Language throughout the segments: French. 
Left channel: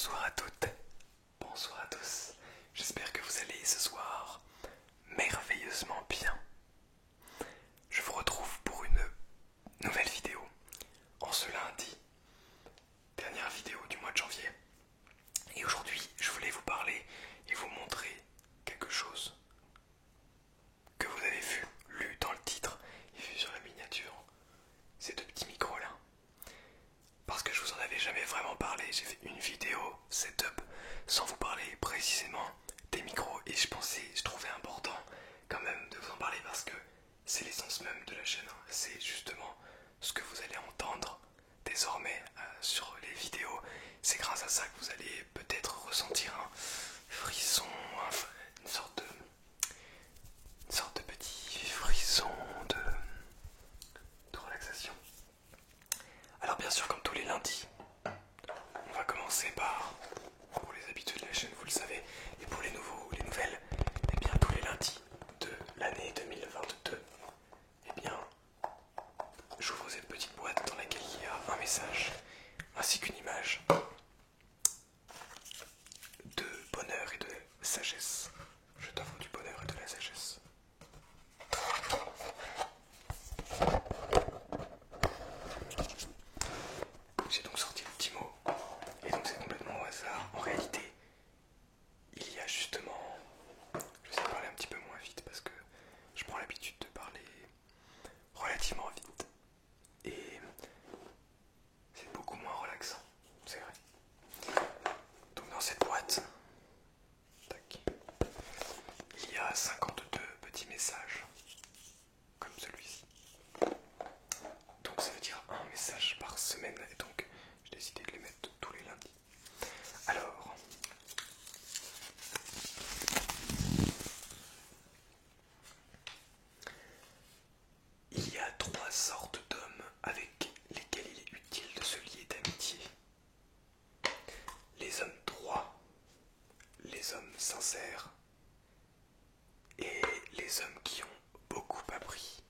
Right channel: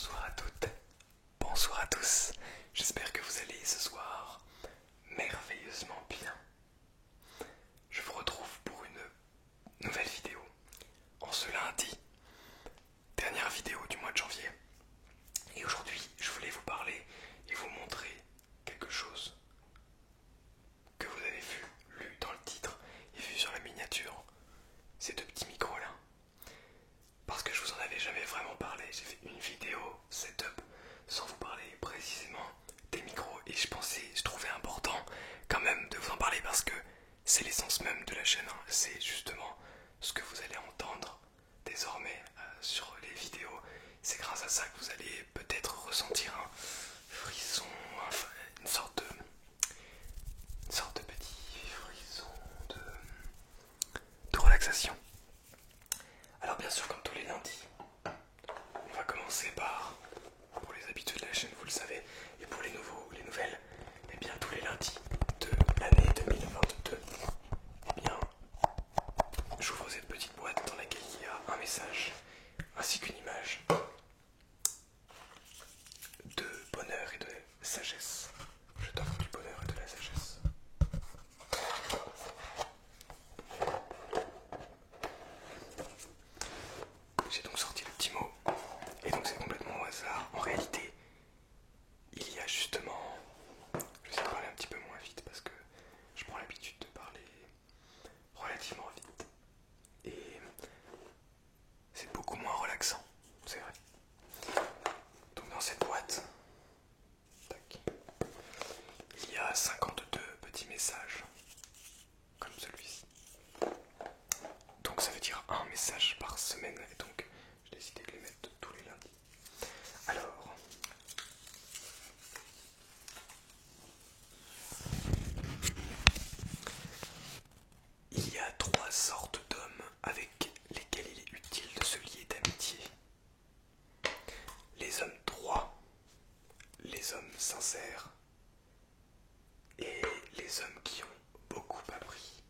Bonsoir à toutes, bonsoir à tous. J'espère que vous allez ce soir merveilleusement bien. Je vous retrouve pour une nouvelle vidéo en ce lundi, dernière vidéo du mois de janvier. Et aujourd'hui, je voulais vous parler et vous montrer quelque chose que vous avez vu, lu dans le titre et vu sur la miniature. Ces deux petits micros là. Parce que je vous en avais jamais vraiment parlé, j'ai fait une vidéo setup sans vous parler précisément des micros et je trouvais important quand même de vous en parler parce que c'est l'essence même de la chaîne, hein. C'est justement ce que vous allez entendre désormais sur les vidéos. C'est grâce à ça que vous allez peut-être ressentir un frisson, enfin une sorte de petit frisson de relaxation. Alors bien sûr, comme tous les lundis, on va commencer par, pour les habitués de la chaîne, vous le savez, et pour les nouveaux ou les nouvelles, et bien tous les lundis de l'année 2022, et bien, j'ouvre cette petite boîte dans laquelle il y a un message, ainsi qu'une image de bonheur et de sagesse. Je t'offre du bonheur et de la sagesse. J'ai donc sorti le petit mot, et donc c'est complètement au hasard. En réalité, il y a justement... Je vais parler un petit peu moins vite parce que je prends l'habitude de parler relativement vite. Et c'est beaucoup moins relaxant, c'est vrai. Donc dans cette boîte, tac, il y a 52 petits messages, comme celui-ci. Donc ça veut dire un message par semaine, et donc j'ai décidé de les mettre tous les lundis. Alors, il y a trois sortes d'hommes avec lesquels il est utile de se lier d'amitié. Les hommes droits, les hommes sincères et les hommes qui ont beaucoup appris.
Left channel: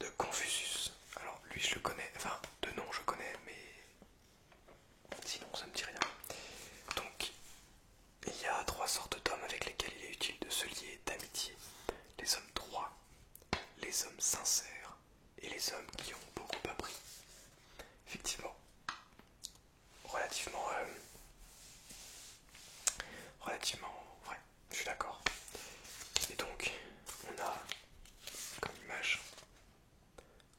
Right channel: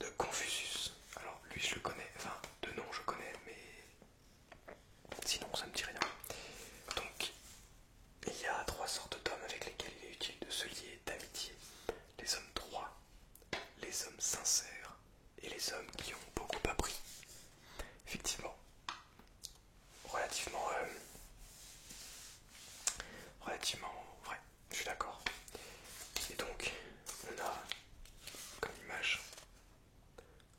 De Confucius. Alors lui je le connais, enfin de nom je connais, mais sinon ça me dit rien. Donc il y a trois sortes d'hommes avec lesquels il est utile de se lier d'amitié. Les hommes droits, les hommes sincères et les hommes qui ont beaucoup appris. Effectivement, relativement vrai, je suis d'accord. Et donc on a comme image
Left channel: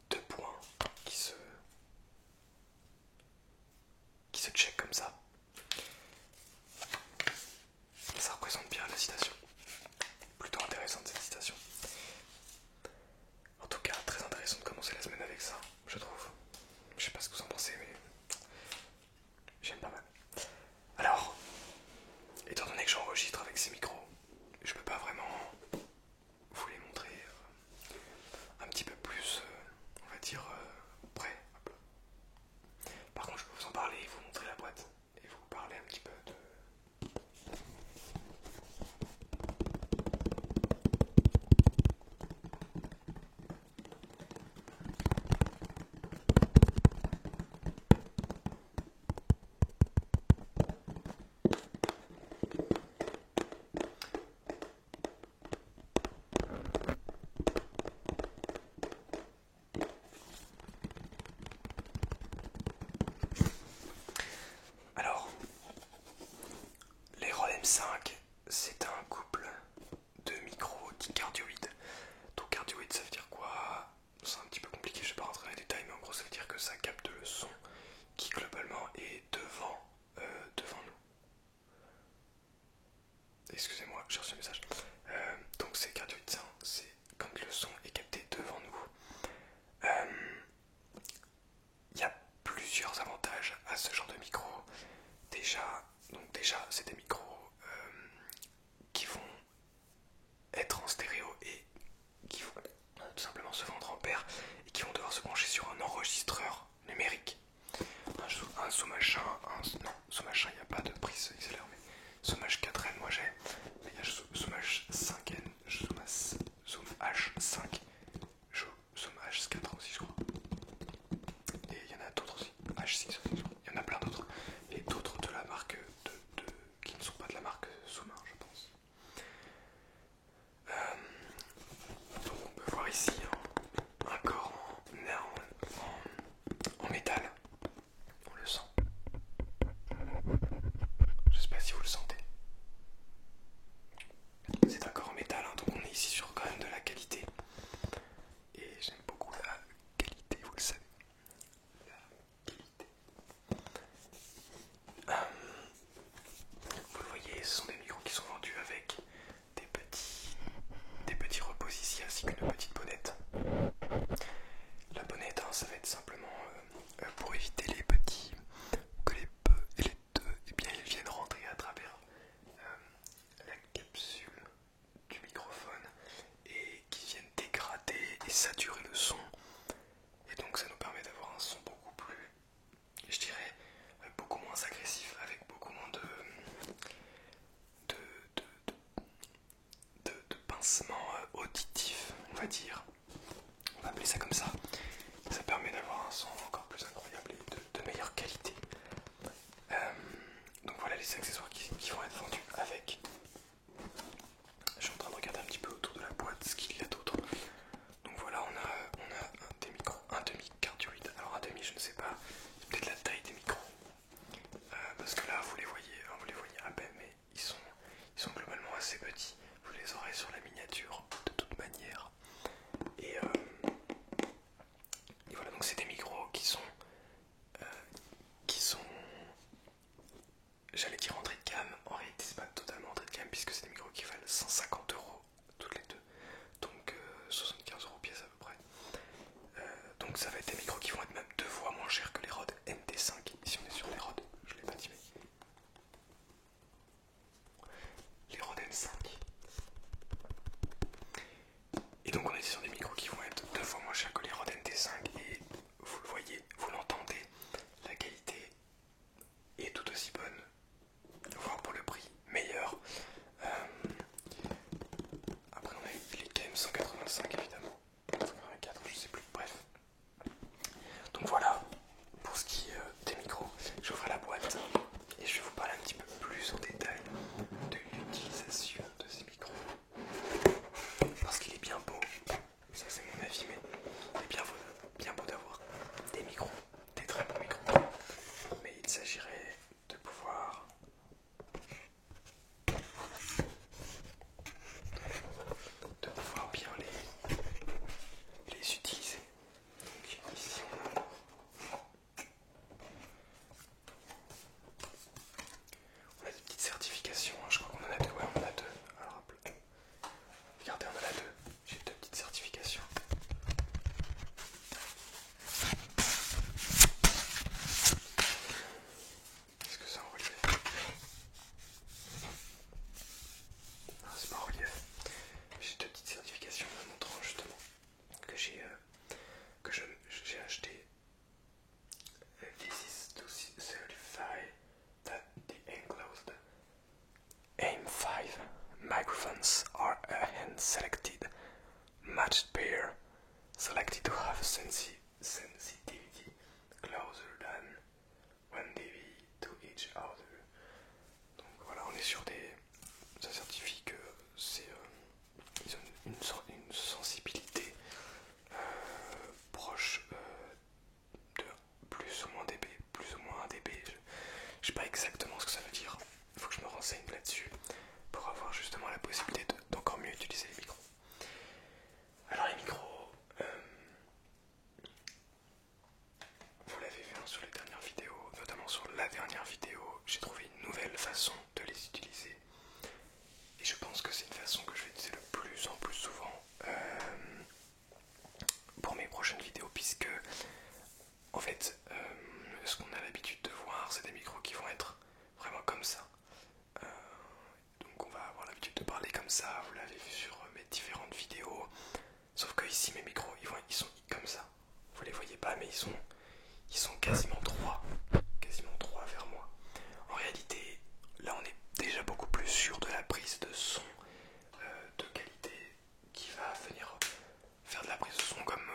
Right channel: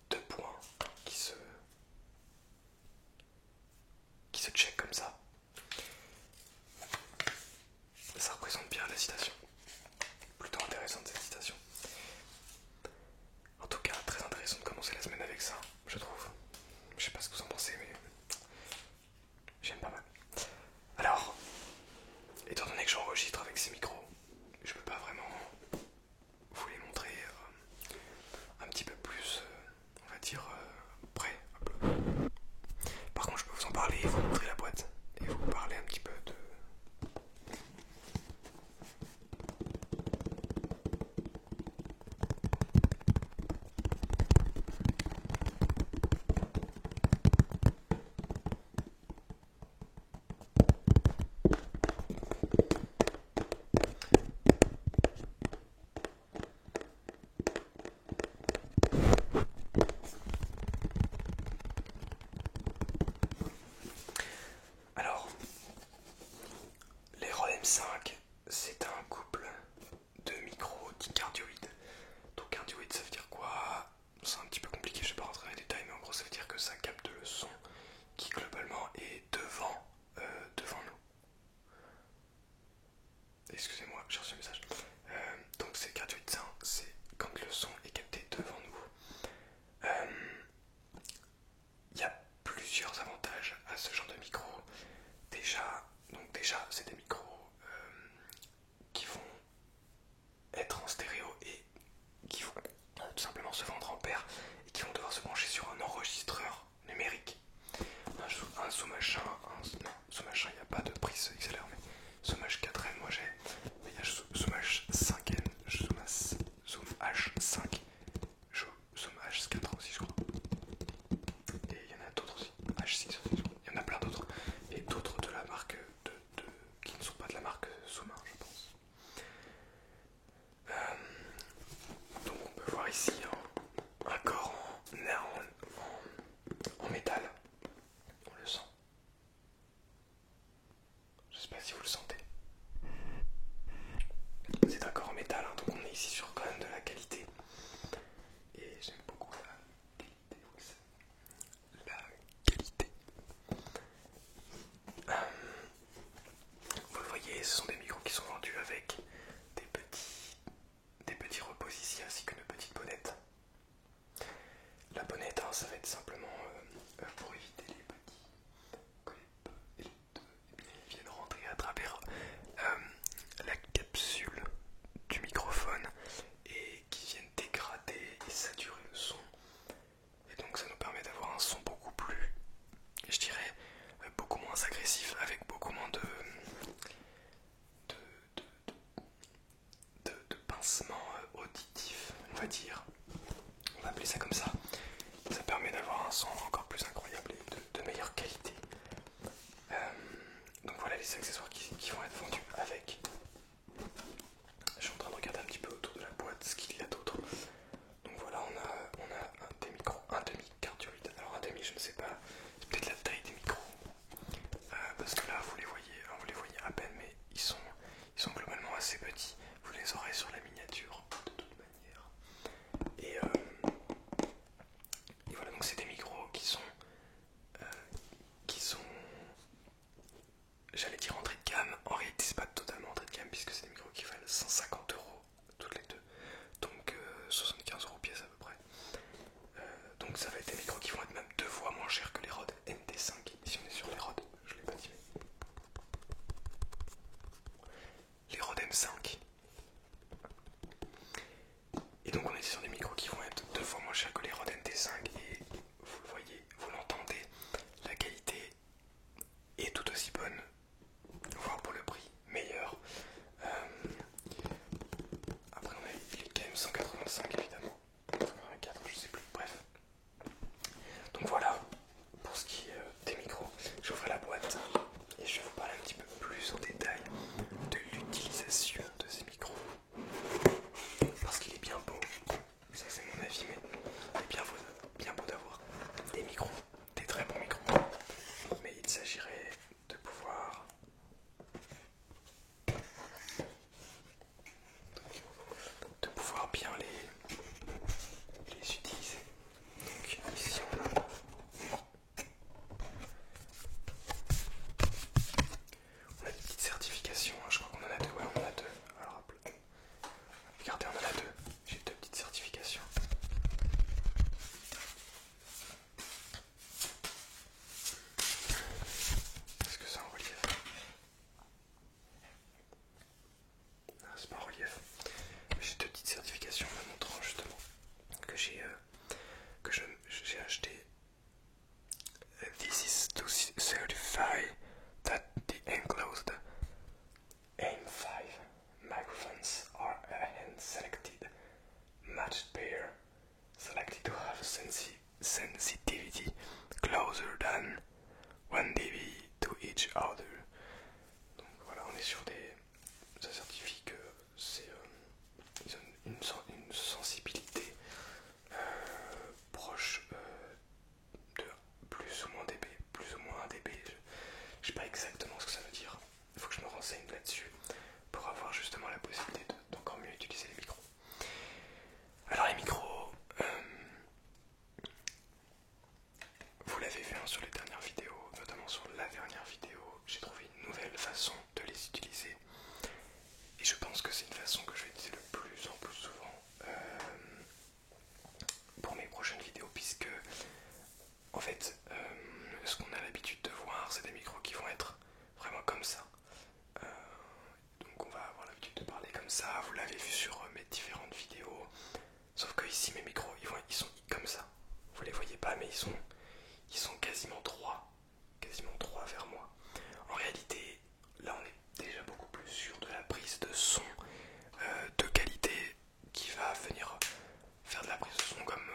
deux points qui se check comme ça. Ça représente bien la citation. Plutôt intéressante cette citation. En tout cas, très intéressant de commencer la semaine avec ça, je trouve. Je sais pas ce que vous en pensez, mais j'aime pas mal. Alors, étant donné que j'enregistre avec ces micros, je peux pas vraiment vous les montrer un petit peu plus, on va dire, près. Par contre, je peux vous en parler et vous montrer la boîte et vous parler un petit peu de... Alors, les Rode M5, c'est un couple de micros dicardioïdes. Donc cardioïde, ça veut dire quoi? C'est un petit peu compliqué, je vais pas rentrer dans les détails, mais en gros ça veut dire que ça capte le son qui globalement est devant nous. Excusez-moi, j'ai reçu un message. Donc c'est cardioïde, c'est quand le son est capté devant nous. Il y a plusieurs avantages à ce genre de micro. Déjà, c'est des micros qui vont être en stéréo et qui vont tout simplement se vendre en paire et qui vont devoir se brancher sur un enregistreur numérique. Un Sommach 1, Sommach 1, il n'y a pas de prise XLR, mais Sommach 4N, moi j'ai, mais il y a Sommach 5N, Sommach 5, Sommach 4 aussi, je crois. Et il y en a d'autres aussi, H6 aussi, je crois. Il y en a plein d'autres, et d'autres de va dire. On va appeler ça comme ça. Ça permet d'avoir un son encore plus incroyable et de meilleure qualité. Donc voilà les accessoires qui vont être vendus avec. Je suis en train de regarder un petit peu autour de la boîte ce qu'il y a d'autre. Donc voilà, on a des micros, un demi cardioïde. Alors un demi, je ne sais pas, c'est peut-être la taille des micros. Parce que là, vous les voyez à peine, mais ils sont globalement assez petits. Vous les aurez sur la miniature de toute manière. Et voilà, donc c'est des micros qui sont, j'allais dire entrée de gamme. En réalité, c'est pas totalement entrée de gamme puisque c'est des micros qui valent 150 € toutes les deux, donc 75 € pièce à peu près. Donc ça va être des micros qui vont être même 2 fois moins chers que les Rode NT5. Si on est sur les Rode, je l'ai pas dit, mais les Rode M5. Et donc on est sur des micros qui vont être 2 fois moins chers que les Rode NT5. Et vous le voyez, vous l'entendez, la qualité est tout aussi bonne, voire pour le prix meilleur. Après on a les KM185 évidemment, 184 je sais plus, bref. Donc voilà pour ce qui est des micros. J'ouvre la boîte et je vais vous parler un petit peu plus en détail de l'utilisation de ces micros. Parce qu'il est bien beau, ça c'est mon avis, mais il est bien beau d'avoir des micros, des très bons micros. Mais il s'agirait de pouvoir bien les utiliser. Donc ici on a des petites certifications, hein. Je crois qu'on en a deux, ouais on en a deux. Alors regardez, on en a deux, j'ai deux petites certifications. Est-ce que c'est en relief? Non, c'est pas en relief. J'ai deux petites certifications me montrant justement que j'ai acheté. This is to certify that the enclosed AM5 microphones are a hand-selected matched pair, selected to have sensitivity closer than 1 dB to each other. Donc voilà, on est sur ça certifie que c'est une sensibilité proche de plus ou moins dB, plus ou moins 1 dB. Je sais pas exactement ce que ça veut dire. Il faut que je me renseigne là-dessus pour avoir justement la possibilité d'encore mieux utiliser les micros. Alors les micros, vous l'avez vu sur les dernières vidéos, notamment sur la dernière vidéo, j'ai trouvé une nouvelle façon de les utiliser. Et je pense que c'est une façon que je vais utiliser de plus en plus souvent pour mes prochaines vidéos, puisque en fait ce qu'on a l'habitude de voir, c'est des micros qui vont être vraiment comme ça. Donc on va avoir l'habitude de parler comme ça, vous l'avez vu sur mes différentes vidéos. Sauf que ici mes micros ils sont comme ça. Vous les voyez pas, mais ils sont quasiment droits vers moi. En réalité, là on est déjà beaucoup plus sûr de la prise de son de qualité qui va venir faire de la prise de son comme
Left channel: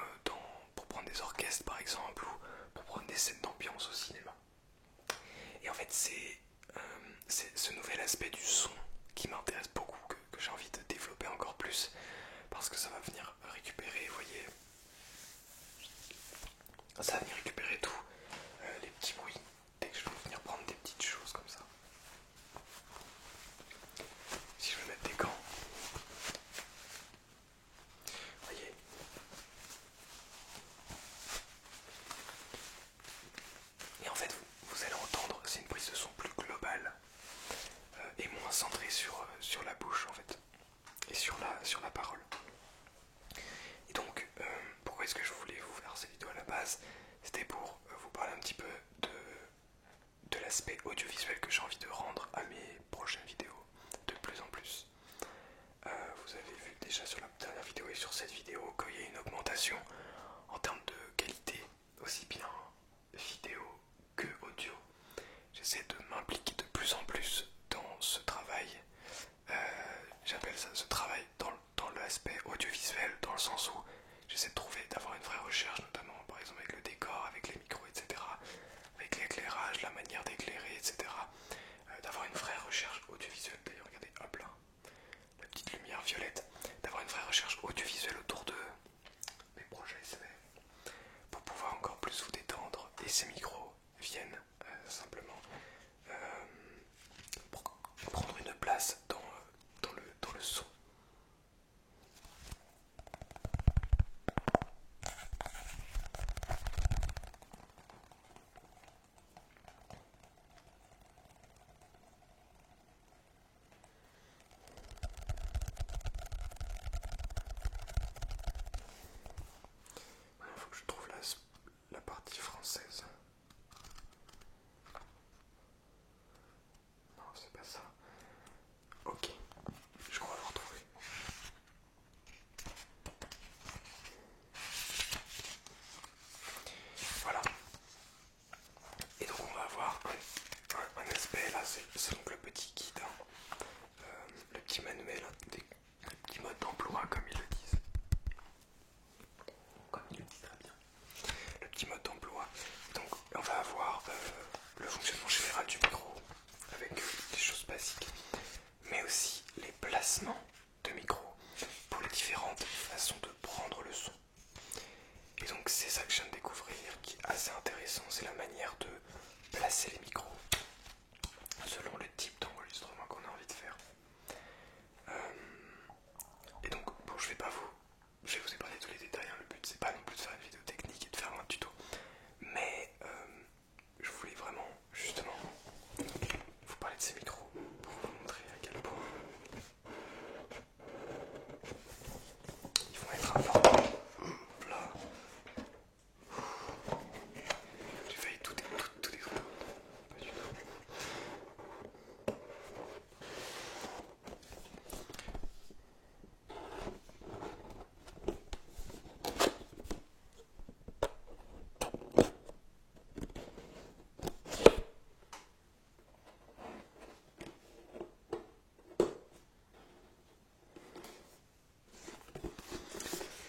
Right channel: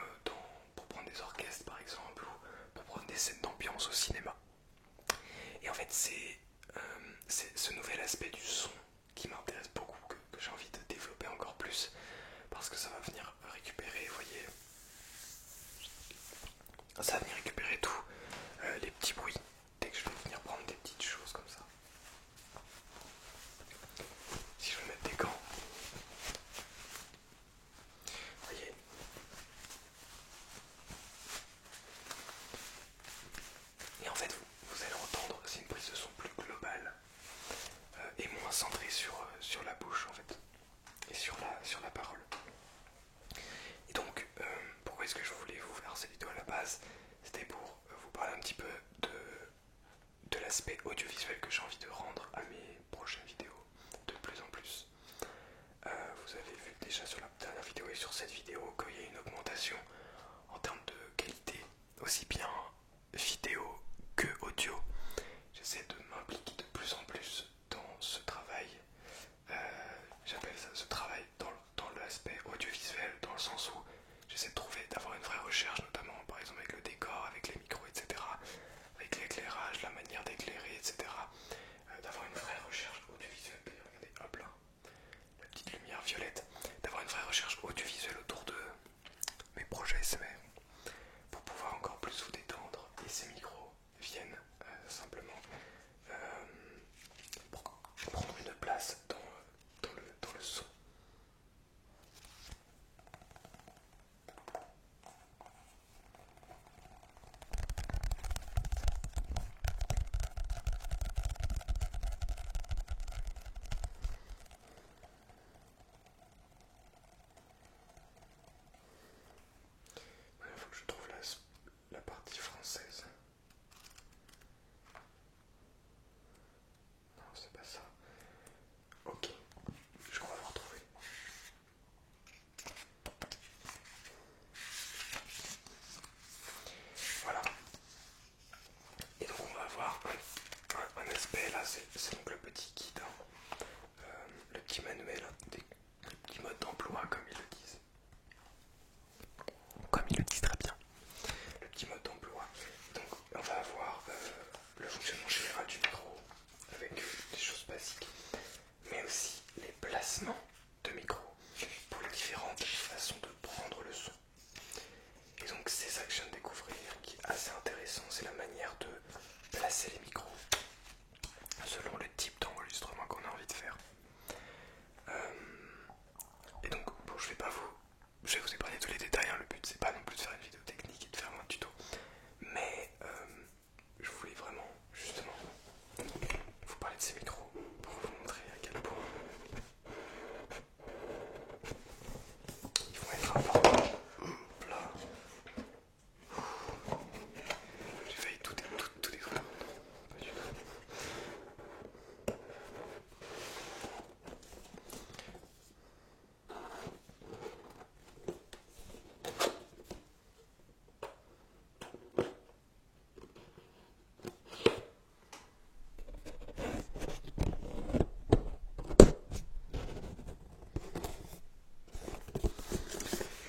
pour prendre des orchestres par exemple, ou pour prendre des scènes d'ambiance au cinéma. Et en fait c'est ce nouvel aspect du son qui m'intéresse beaucoup, que j'ai envie de développer encore plus, parce que ça va venir récupérer, vous voyez, ça va venir récupérer tous les petits bruits, dès que je vais venir prendre des petites choses comme ça. Si je veux mettre des gants, vous voyez, et en fait vous allez entendre que c'est une prise de son plus globale et moins centrée sur la bouche en fait, et sur la parole. Et donc pourquoi est-ce que je voulais vous faire cette vidéo à la base? C'était pour vous parler un petit peu de l'aspect audiovisuel que j'ai envie de rendre à mes prochaines vidéos de plus en plus. Vous avez vu déjà sur la dernière vidéo et sur cette vidéo qu'il y a une augmentation en termes de qualité, aussi bien vidéo que audio. J'essaie de m'impliquer de plus en plus dans ce travail. J'appelle ça ce travail dans l'aspect audiovisuel, dans le sens viennent simplement prendre une place dans le son. Maintenant, il faut que je trouve la partie française. Non, c'est pas ça. Ok, je crois l'avoir trouvé. Voilà. Et donc on va avoir un aspect, là c'est donc le petit guide, hein. Le petit manuel, des petits modes d'emploi comme ils le disent. Comme ils le disent très bien. Le petit mode d'emploi. Donc on va avoir le fonctionnement général du micro avec des choses basiques, mais aussi les placements de micro pour les différentes façons de prendre le son. Et donc c'est ça que je viens de découvrir qui est assez intéressant, c'est la manière de placer les micros selon le type d'enregistrement qu'on a envie de faire. Et donc bon, je vais vous épargner tous les détails, hein. Le but c'est pas non plus de faire une vidéo technique et de faire un tuto, mais je voulais vraiment justement vous parler de ces micros pour vous montrer à quel point ils vont être importants. Là, j'ai failli tout détruire. Pas du tout.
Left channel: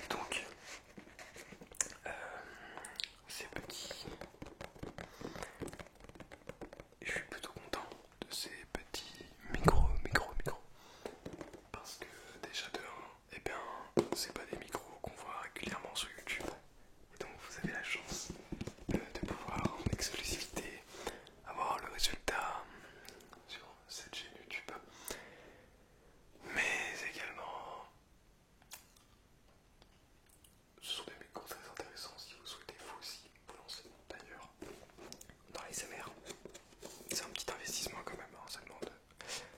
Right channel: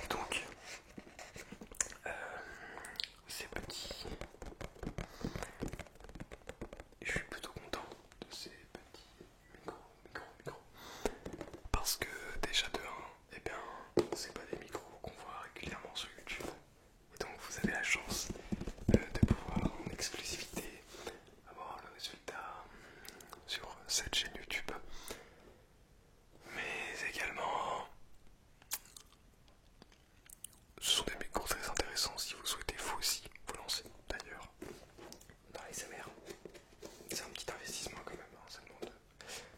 Donc, c'est parti. Je suis plutôt content de ces petits micros. Parce que déjà de 1, eh bien, c'est pas des micros qu'on voit régulièrement sur YouTube. Et donc vous avez la chance de pouvoir en exclusivité avoir le résultat sur cette chaîne YouTube. Mais également, ce sont des micros très intéressants si vous souhaitez vous aussi vous lancer d'ailleurs dans les SMR. C'est un petit investissement quand même, alors ça demande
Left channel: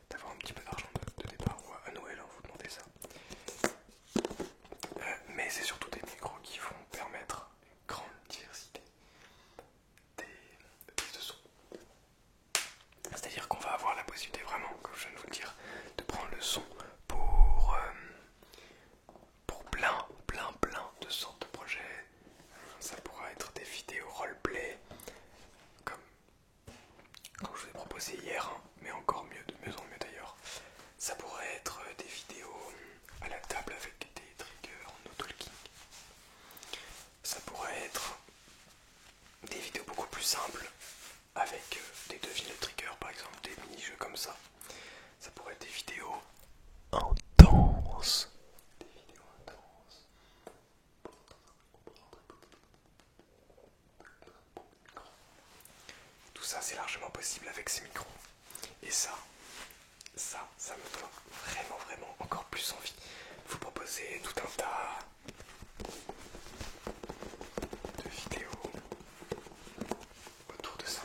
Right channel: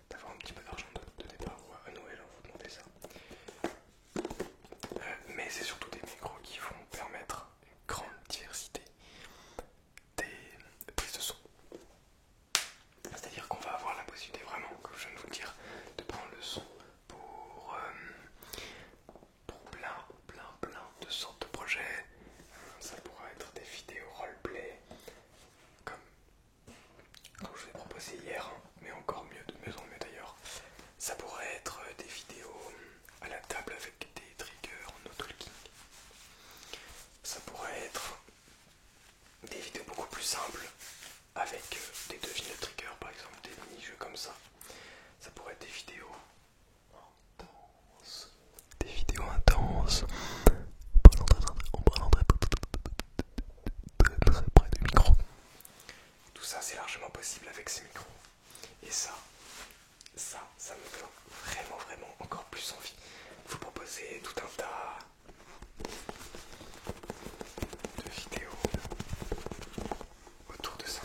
d'avoir un petit peu d'argent de départ. À Noël, hein, vous demandez ça. Mais c'est surtout des micros qui vont permettre une grande diversité des prises de son. C'est-à-dire qu'on va avoir la possibilité vraiment, comme je viens de vous le dire, de prendre le son pour plein de sortes de projets. Ça pourra être des vidéos roleplay, comme je vous ai proposé hier, hein, mais encore mieux, de mieux en mieux d'ailleurs. Ça pourrait être des vidéos à la table avec des triggers en no-talking. Ça pourrait être des vidéos beaucoup plus simples avec des devines de triggers, par exemple, des mini-jeux comme ça. Ça pourrait être des vidéos intenses. En parlant très près du micro. Tout ça, c'est largement possible avec ces micros. Et ça me donne vraiment encore plus envie de vous proposer tout un tas de vidéos autour de ça.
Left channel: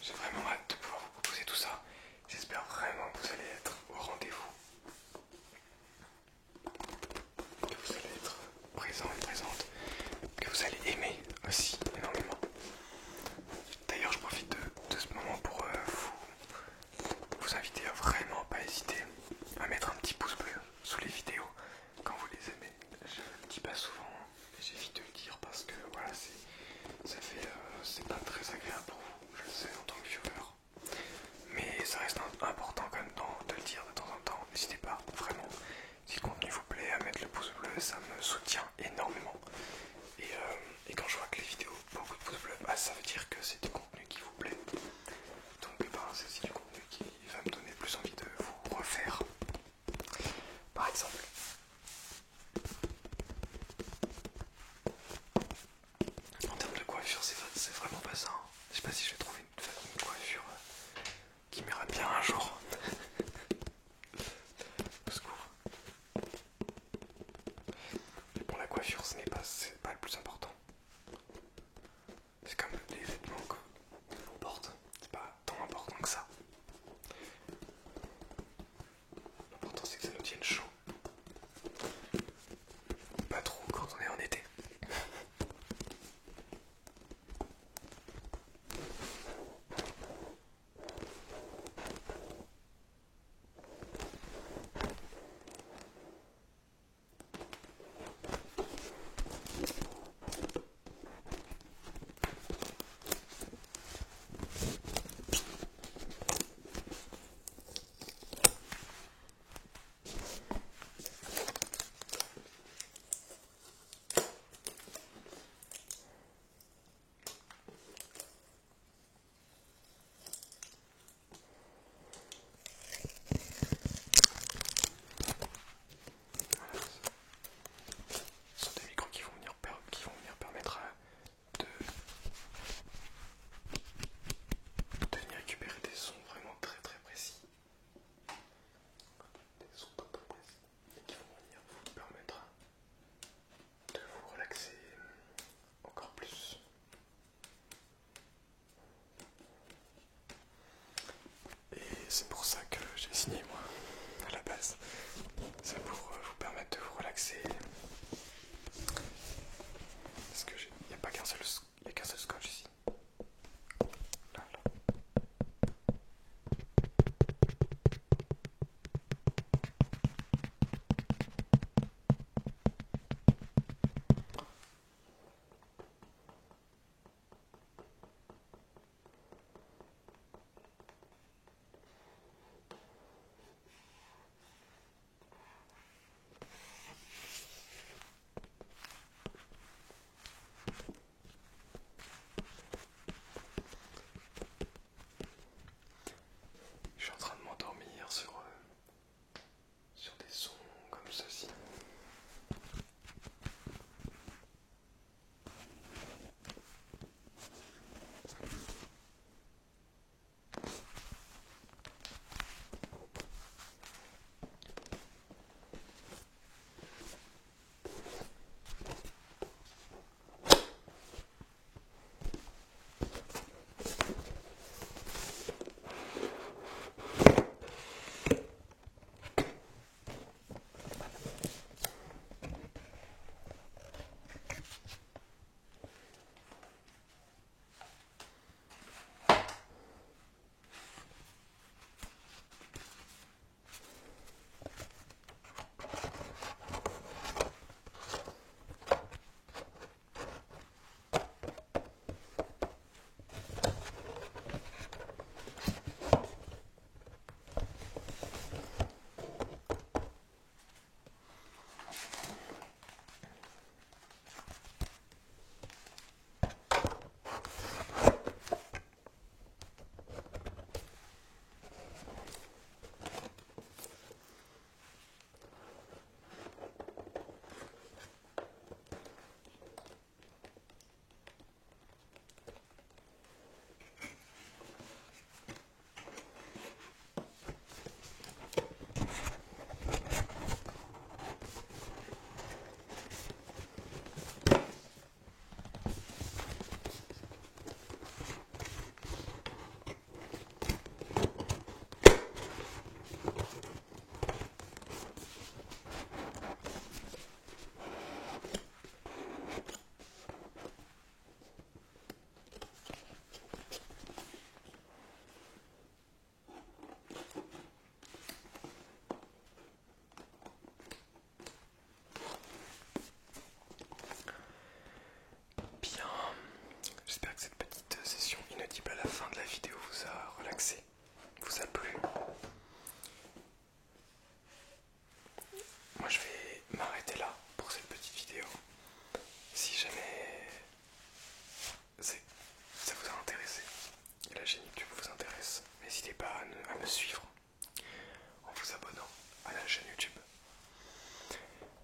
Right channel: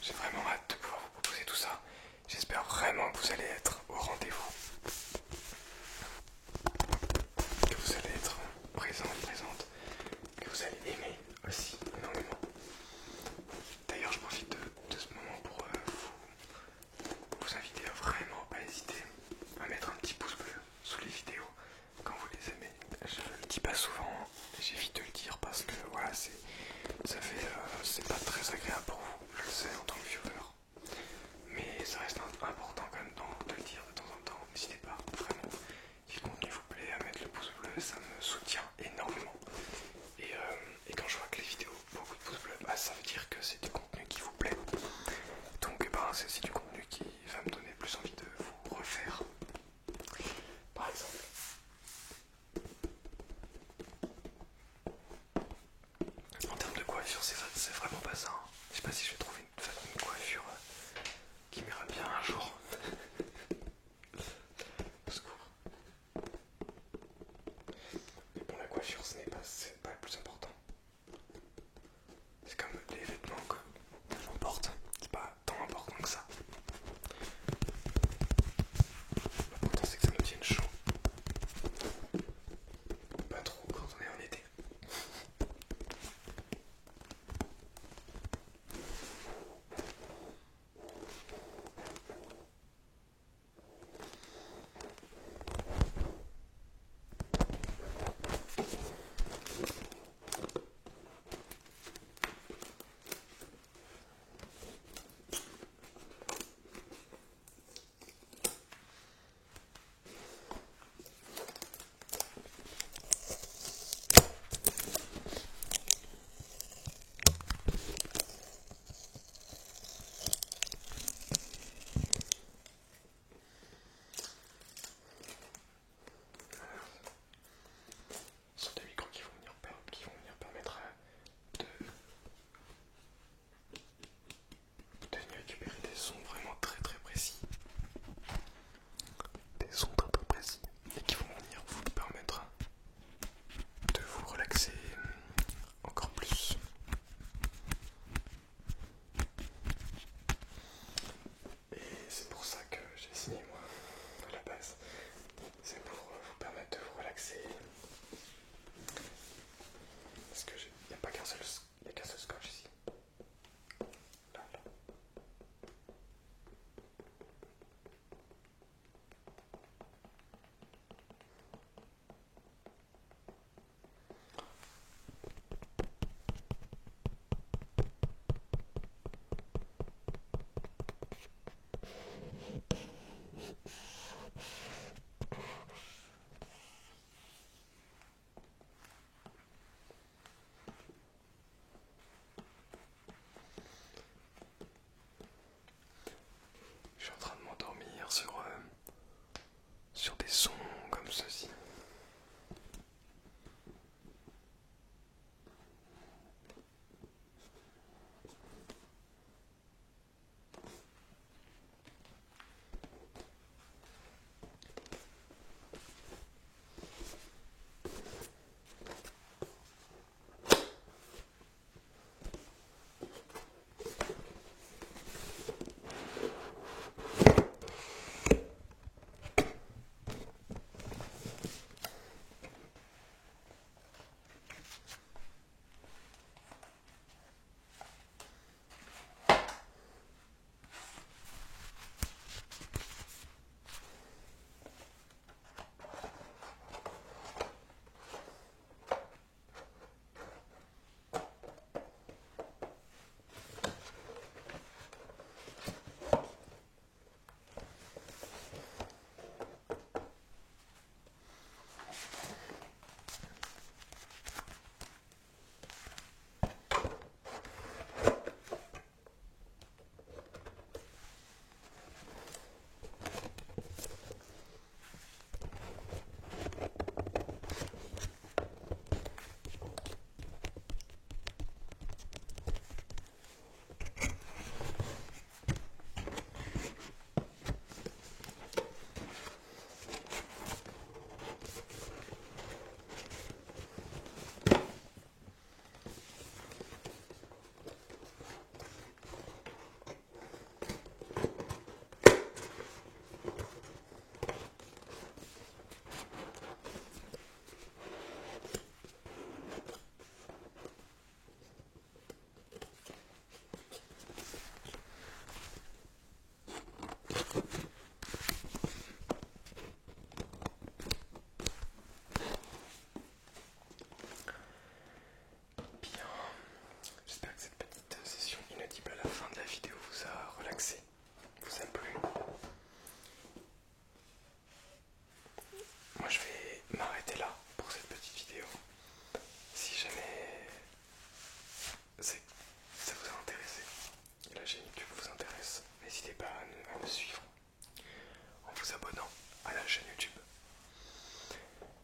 J'ai vraiment hâte de pouvoir vous proposer tout ça. J'espère vraiment que vous allez être au rendez-vous. Que vous allez être présent et présente. Que vous c'est du contenu qui va me donner plus envie de vous refaire. Par exemple, en termes de coiffure, c'est vraiment pas ça. Hein. Je sais pas si je vais trouver une coiffure qui m'ira bien un jour. Au secours. Mais bon, la coiffure, c'est pas le plus important. C'est comme les vêtements qu'on porte, c'est pas tant important que ça. L'important c'est que ça nous tienne chaud. Pas trop quand on est en été. Des micros qui vont venir permettre de venir récupérer des sons vraiment très très précis. Des sons très très précis et qui vont venir vous permettre de vous relaxer encore plus. Et c'est pour ça que j'ai signé moi à la base. C'est pour vous permettre de vous relaxer. Parce que il n'y a pas qu'un seul scotch ici. Là. Je suis en train de m'endormir sur des sons comme ceci. J'espère que cette petite session inaudible à la fin de la vidéo vous a relaxé, vous a plu. Moi je vais m'arrêter là pour cette petite vidéo. Si jamais ça vous a intéressé et la chaîne YouTube vous intéresse, n'hésitez me suivre en vous abonnant à la chaîne YouTube.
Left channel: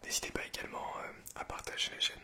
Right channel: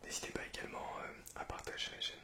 N'hésitez pas également à partager la chaîne